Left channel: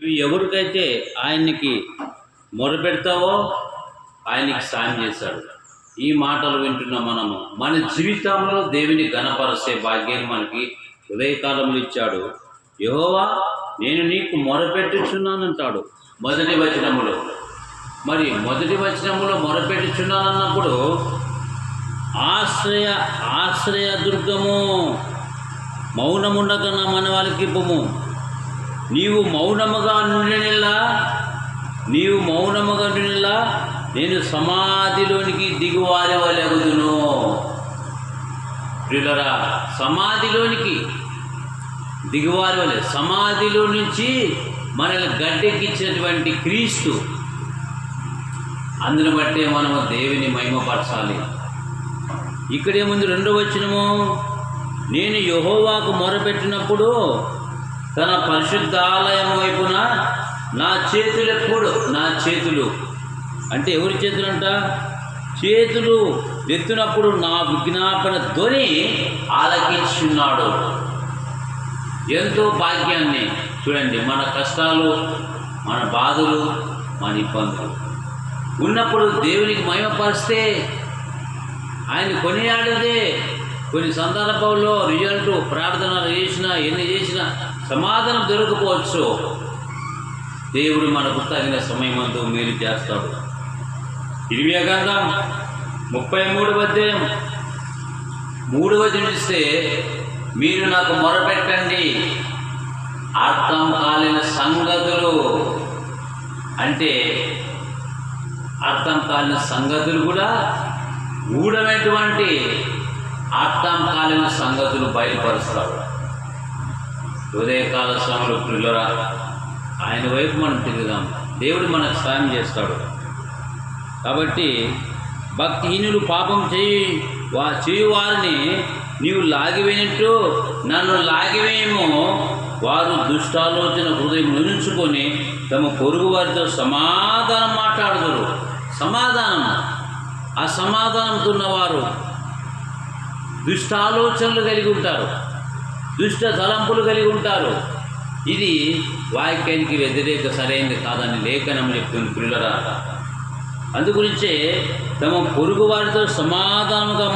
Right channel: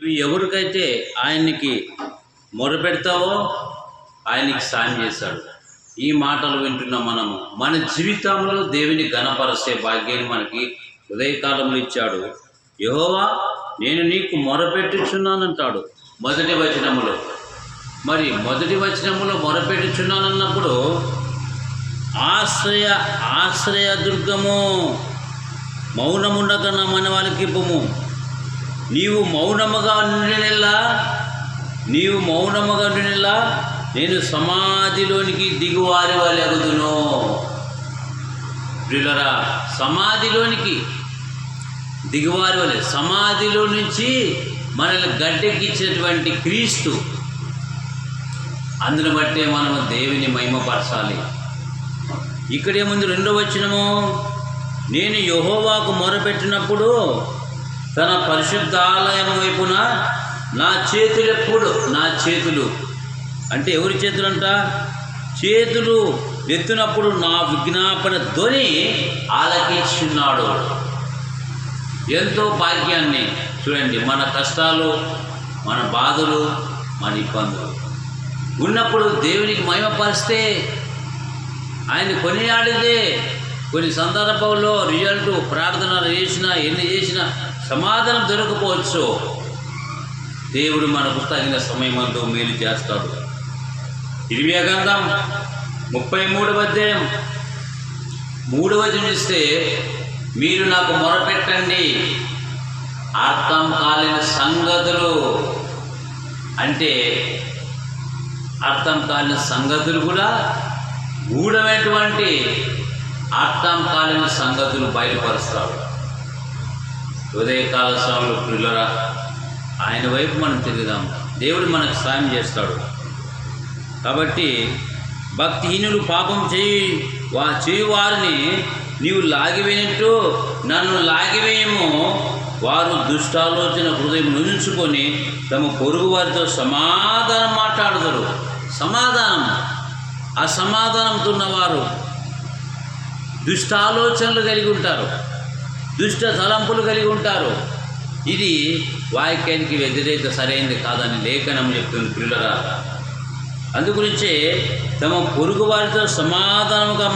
ఇవి ఎవరికైతే ఆయనకి మొరపెడతావో ఆయనకి సాయం చేశాడు. ఈ మాటలు వింటున్న మనము మన జీవితంలో దేవుని ఘనపరిచే భాగ్యాన్ని మనకి ఉదయకాలంలో ఇచ్చాడు. యెహోవా నేను నీకు మొరపెట్టుచున్నానంటాడు మొదటి వచనములో. మరి మొదటి వచనములో మొరపెట్టుచున్నానన్నప్పుడు ఆశ్రయ దుర్గము, మౌనముండక నా మన వాళ్ళకి ఇవ్వము. నీవు మౌనముగా నుండినలా నేను సమాధిలోనికి దిగువారి వలెగుదును. ప్రియులరా, సమాధిలోనికి దిగువారి వలె, సమాధిలో నుంచి మనల్ని గడ్డెక్కించినటువంటి క్రీస్తు, అందును బట్టే మనము దేవుని మహిమపరచాలి. ఇక్కడేముంది? 2వ వచనము, నేను యెహోవాకు మొరపెట్టినప్పుడు తన పరిశుద్ధాలయం వైపున నా చేతులు అంటే ఎవరి చేతులంట? చేతులు ఎత్తినప్పుడు నా విజ్ఞాపన ధ్వని ఆలకించున్నాడు. ఎంతో భాగ్యాన్ని చూడండి. మన కష్టాలు, మన బాధలు, మన ఇబ్బందులు ఉన్నప్పుడు దేవునికి మహిమపరిస్తే, ఆయన కొనియాడితే, కొన్ని సందర్భాల్లో రిజల్ట్ ప్రార్థన చేసినా ఎన్ని చేసినా సమాధానం దొరకపోవచ్చు. దేవుడు మనకు తగిన సమయమందు మేలు చేస్తాడు. ఇర్మియా గ్రంథం 33వ అధ్యాయం 3వ వచనం చూస్తే, మీరు నాకు మొరపెట్టండి అర్థం కాలేని సంగతులు, అంటే అర్థం కాలేని సంగతులు కూడా గూఢమైనటువంటి అర్థం కాలేని సంగతులు బయలుపరుస్తాడు. ఉదయకాల సమయంలో ప్రియులరా, ఆయన వైపు మనం తిరుగుదాం. దేవుడు మనకు సాయం చేస్తాడు. కాబట్టి భక్తిహీనులు పాపం చేయు వారిని నీవు లాగివేయనట్టు నన్ను లాగివేయము. వారు దుష్టాలోచన హృదయం నుంచుకొని తమ పొరుగు వారితో సమాధానం మాట్లాడుతారు. అసమాధానంతో ఉన్నవారు దుష్టాలోచనలు కలిగి ఉంటారు, దుష్ట తలంపులు కలిగి ఉంటారు. ఇది వాక్యానికి వ్యతిరేక సరైనది కాదని లేఖనం చెప్తుంది ప్రియులరా. అందుగురించే తమ పొరుగు వారితో సమాధానముగా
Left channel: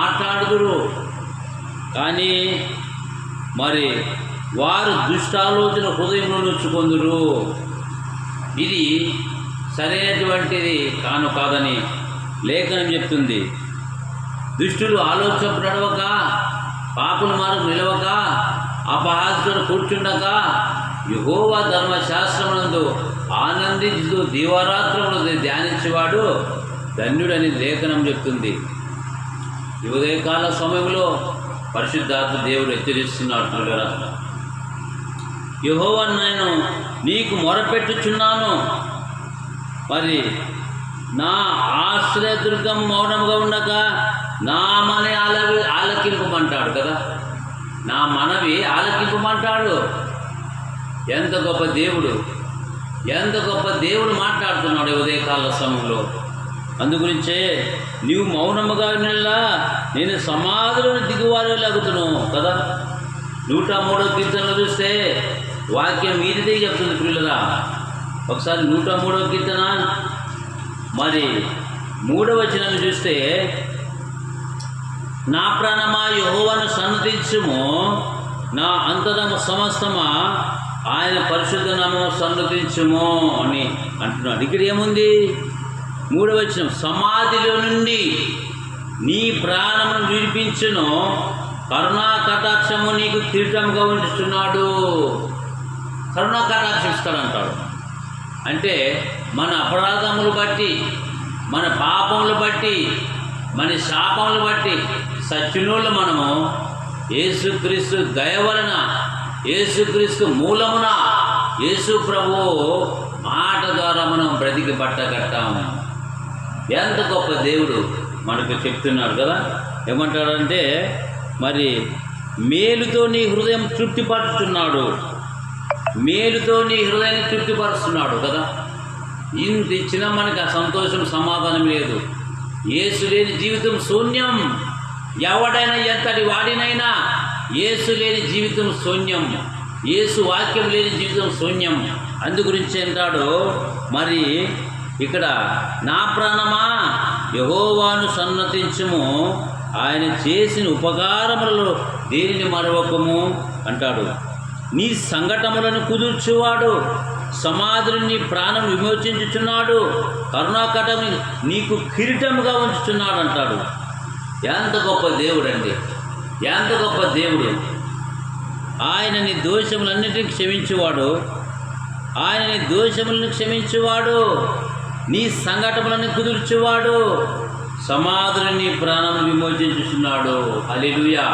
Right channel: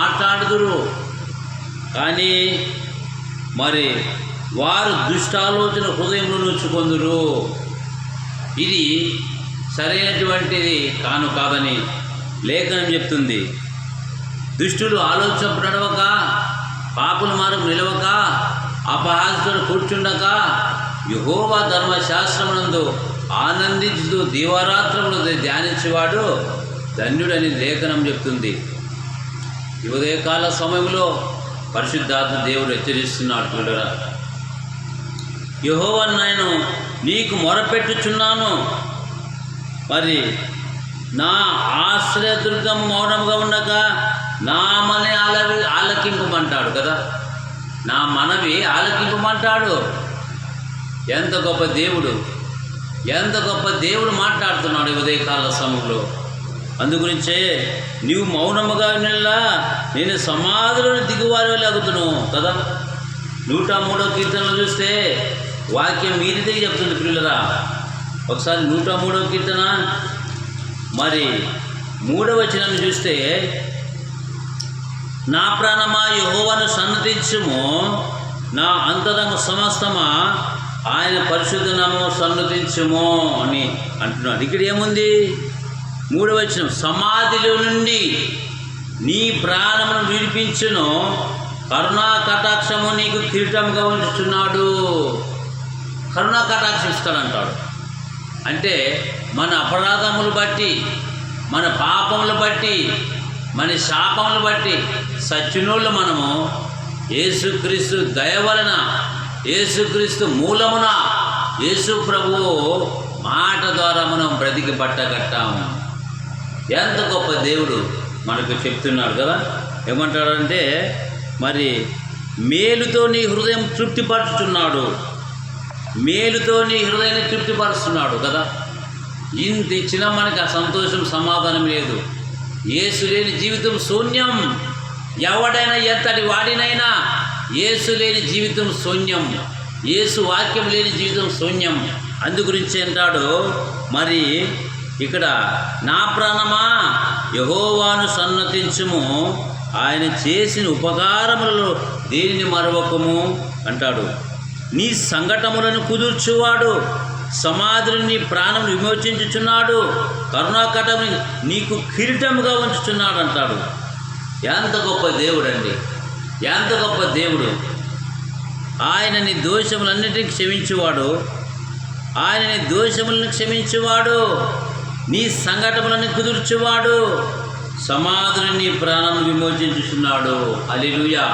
మాట్లాడుదురు, కానీ మరి వారు దుష్టాలోచన హృదయంలో నుంచుకొందురు. ఇది సరైనటువంటిది కాదని లేఖనం చెప్తుంది. దుష్టులు ఆలోచన నడవక, పాపుల మార్గం నిలవక, అపహాస్యుడు కూర్చుండక యెహోవా ధర్మశాస్త్రమునందు ఆనందించుతూ దీవారాత్రములు ధ్యానించేవాడు ధన్యుడని లేఖనం చెప్తుంది. ఈ ఉదయకాల సమయంలో పరిశుద్ధాత్మ దేవుడు హెచ్చరిస్తున్నాడు. యెహోవా నేను నీకు మొరపెట్టుచున్నాను, మరి నా ఆశ్రయదుర్గం మౌనంగా ఉండక నా మనవి ఆలకింపమంటాడు కదా. నా మనవి ఆలకింపమంటాడు. ఎంత గొప్ప దేవుడు మాట్లాడుతున్నాడు ఉదయకాల సమయంలో. అందుగురించే నీవు మౌనముగా నిల్లా నేను సమాధిలోని దిగువారి వెళ్ళి అగుతును కదా. 103వ కీర్తనలో చూస్తే వాక్యం మీరిదే చెప్తుంది ప్రియులరా. ఒకసారి 103వ కీర్తన మరి 3వ వచనం చూస్తే, నా ప్రాణమా యెహోవాను సన్నతించుము, నా అంతరము సమస్తమా ఆయన పరిశుద్ధ నామమును సన్నతించుము అని అంటున్నాడు. ఇక్కడ ఏముంది? 3వ వచనం, సమాధిలో నుండి నీ ప్రాణమును విడిపించును, కరుణా కటాక్షము నీకు కిరీటంగా ఉంచుతున్నాడు. కరుణా కటాక్షిస్తాడంటాడు. అంటే మన అపరాధములు బట్టి, మన పాపములు బట్టి, మన శాపములు బట్టి సచ్చినోళ్ళు మనము యేసుక్రీస్తు దయ వలన, యేసుక్రీస్తు మూలమున, యేసు ప్రభువు మాట ద్వారా మనం బ్రతికి పట్టగట్టాము. ఎంత గొప్ప దేవుడు మనకు చెప్తున్నాడు కదా. ఏమంటాడంటే, మరి మేలుతో నీ హృదయం తృప్తిపరుచుతున్నాడు, మేలుతో నీ హృదయాన్ని తృప్తిపరుస్తున్నాడు కదా. ఇంత ఇచ్చినా మనకి ఆ సంతోషం, సమాధానం లేదు. యేసు లేని జీవితం శూన్యం. ఎవడైనా ఎంతటి వాడినైనా యేసు లేని జీవితం శూన్యం, యేసు వాక్యం లేని జీవితం శూన్యం. అందు గురించి అంటాడు మరి ఇక్కడ, నా ప్రాణమా యెహోవాను సన్నతించుము, ఆయన చేసిన ఉపకారములలో దేనిని మరవకము అంటాడు. నీ సంఘటములను కుదుర్చువాడు, సమాధిని నీ ప్రాణం విమోచించుచున్నాడు, కరుణాకటముని నీకు కిరీటముగా ఉంచుచున్నాడు అంటాడు. ఎంత గొప్ప దేవుడు అండి, ఎంత గొప్ప దేవుడు. ఆయన నీ దోషములన్నిటిని క్షమించువాడు, ఆయన నీ దోషములను క్షమించువాడు, నీ సంఘటనలను కుదుర్చువాడు, సమాధిని నీ ప్రాణం విమోచించుచున్నాడు. హల్లెలూయా.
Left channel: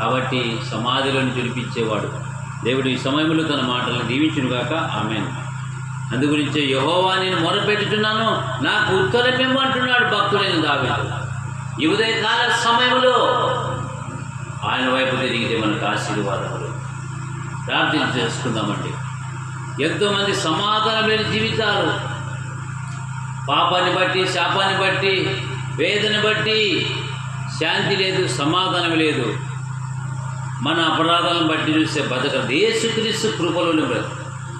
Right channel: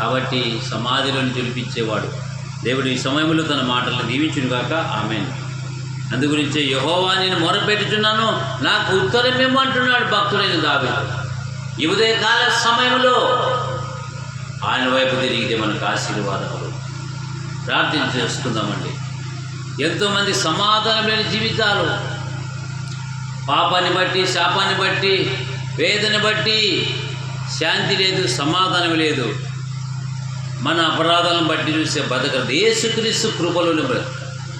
కాబట్టి సమాధిలోని తెలిపించేవాడు దేవుడు. ఈ సమయంలో తన మాటలను దీవించును గాక. ఆమేన్. అందుగురించే యెహోవా నేను మొరపెట్టుచున్నాను, నాకు ఉత్తరమేమో అంటున్నాడు భక్తుడైన దావీదు. ఈ ఉదయకాల సమయంలో ఆయన వైపు తిరిగితే మనకు ఆశీర్వాదములు. ప్రార్థన చేసుకుందామండి. ఎంతోమంది సమాధానం లేని జీవితాలు, పాపాన్ని బట్టి, శాపాన్ని బట్టి, వేదన బట్టి శాంతి లేదు, సమాధానం లేదు. మన అపరాధాలను బట్టి చూసే బతకదు. యేసుక్రీస్తు కృపలోని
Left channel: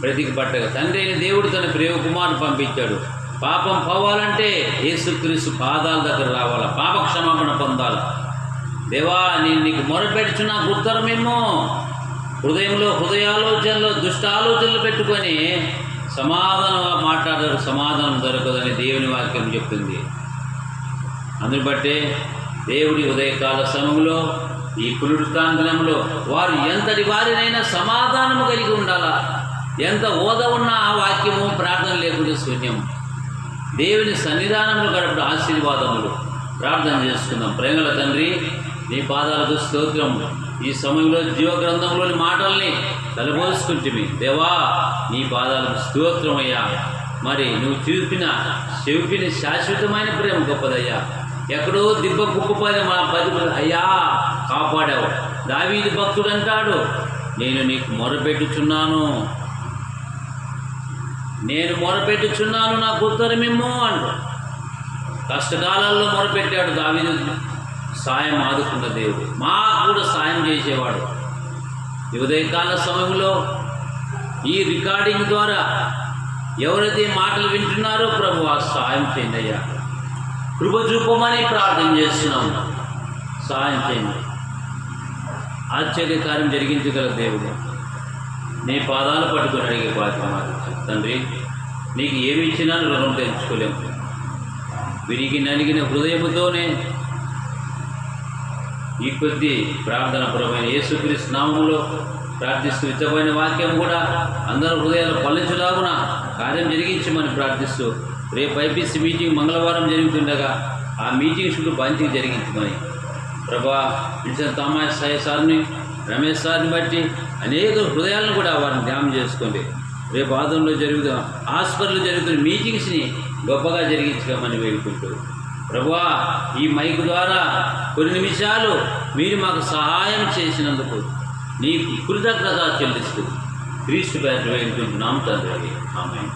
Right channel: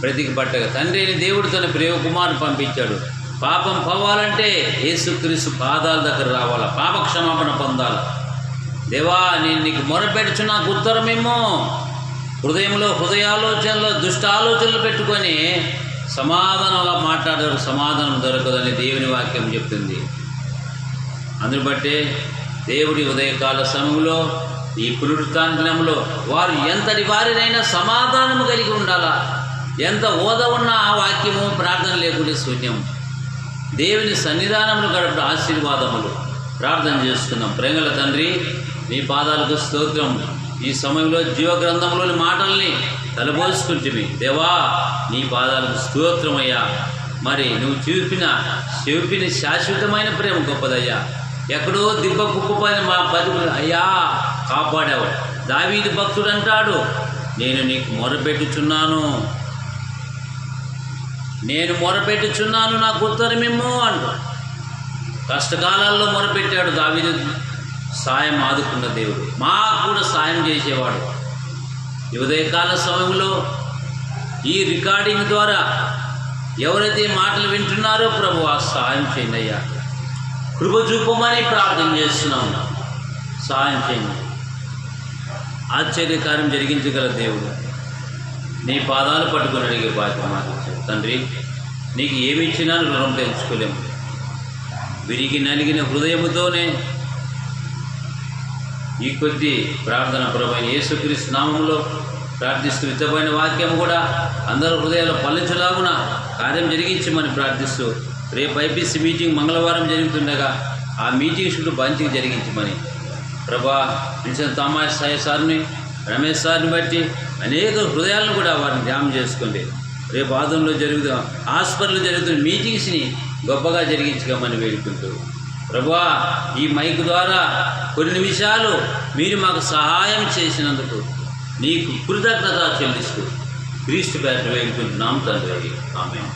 బ్రతికి పట్టగా తండ్రి అయిన దేవుడు తన ప్రియ కుమారుని పంపించాడు. పాపం పోవాలంటే యేసుక్రీస్తు పాదాల దగ్గర రావాలా, పాప క్షమాపణ పొందాలి. దేవా నేను నీకు మొరపెడుచు, నాకు ఉత్తరమేమో. హృదయాలోచనలో దుష్ట ఆలోచనలు పెట్టుకొని సమాధానంగా మాట్లాడారు, సమాధానం దొరకదని దేవుని వాక్యం చెప్తుంది. అందుని బట్టే దేవుడి ఉదయకాల సమయంలో, ఈ పునరుత్థాన దినంలో వారు ఎంతటి వారినైనా సమాధానము కలిగి ఉండాలా. ఎంత ఓద ఉన్నా ఆ వాక్యము ప్రార్థన లేకుండా శూన్యం. దేవుని సన్నిధానములు గడపడం ఆశీర్వాదములు. ప్రార్థన చేసుకుందాం. ప్రేమల తండ్రి, నీ పాదాలకు స్తోత్రం. ఈ సమయంలో జీవగ్రంథంలోని మాటల్ని తలబోసుకుంటుమి. దేవా నీ పాదాలకు స్తోత్రమయ్యా. మరి నువ్వు చూపిన శాశ్వతమైన ప్రేమ గొప్పదయ్యా. ఎక్కడో దిబ్బ కుప్పపైన మా బతుకులు అయ్యా కాపాడావు. దావీదు భక్తుడు అంటాడు, నేను నీకు మొరపెట్టుచున్నాను, నాకు ఉత్తరమేమో అంటూ కష్టకాలాల్లో మొరపెట్టాడు దావీదు. సాయం ఆదుకున్న దేవుడు, మాకు కూడా సాయం చేసేవాడు. ఈ ఉదయకాల సమయంలో ఈ రికార్డింగ్ ద్వారా ఎవరైతే మాటలు వింటున్నారో ప్రభు ఆ సాయం చేయండి అయ్యా. కృప చూపమని ప్రార్థన చేస్తున్నాము. సాయం చేయండి. ఆశ్చర్యకార్యం జరిగించగల దేవుడు, నీ పాదాలు పట్టుకుని అడిగే బాధ్యత మాకు ఇచ్చాడు. తండ్రి, నీకు ఏమి ఇచ్చినా రుణం తెలుసుకోలేము. విరిగి నలిగిన హృదయముతోనే ఈ కొద్ది ప్రార్థన పరమైన యేసుక్రీస్తు నామములో ప్రార్థిస్తూ, ఇతమైన వాక్యం కూడా అందరూ హృదయాలు పల్లించలాగున కార్యం జరిగించమని ప్రార్థిస్తూ, రేపు ఐపీసీ మీటింగ్ మంగళవారం జరుగుతుండగా ఆ మీటింగ్ చుట్టూ బంతికి జరిగించమని ప్రభా, విన్సెంట్ థామస్ సార్ని, రమేష్ సార్ని బట్టి అనేక హృదయాలను కూడా వారిని ధ్యానం చేసుకోండి. రేపు ఆదంలో హాస్పిటల్లో జరుగుతున్న మీటింగ్స్ని గొప్పగా జరిగించమని వేడుకుంటూ, ప్రభువా ఈ మైక్ ద్వారా కొన్ని నిమిషాలు మీరు మాకు సహాయం చేసినందుకు నీకు కృతజ్ఞత చెల్లిస్తూ క్రీస్తు పేరిట వేడుకుంటున్నాం తండ్రి. ఆమేన్.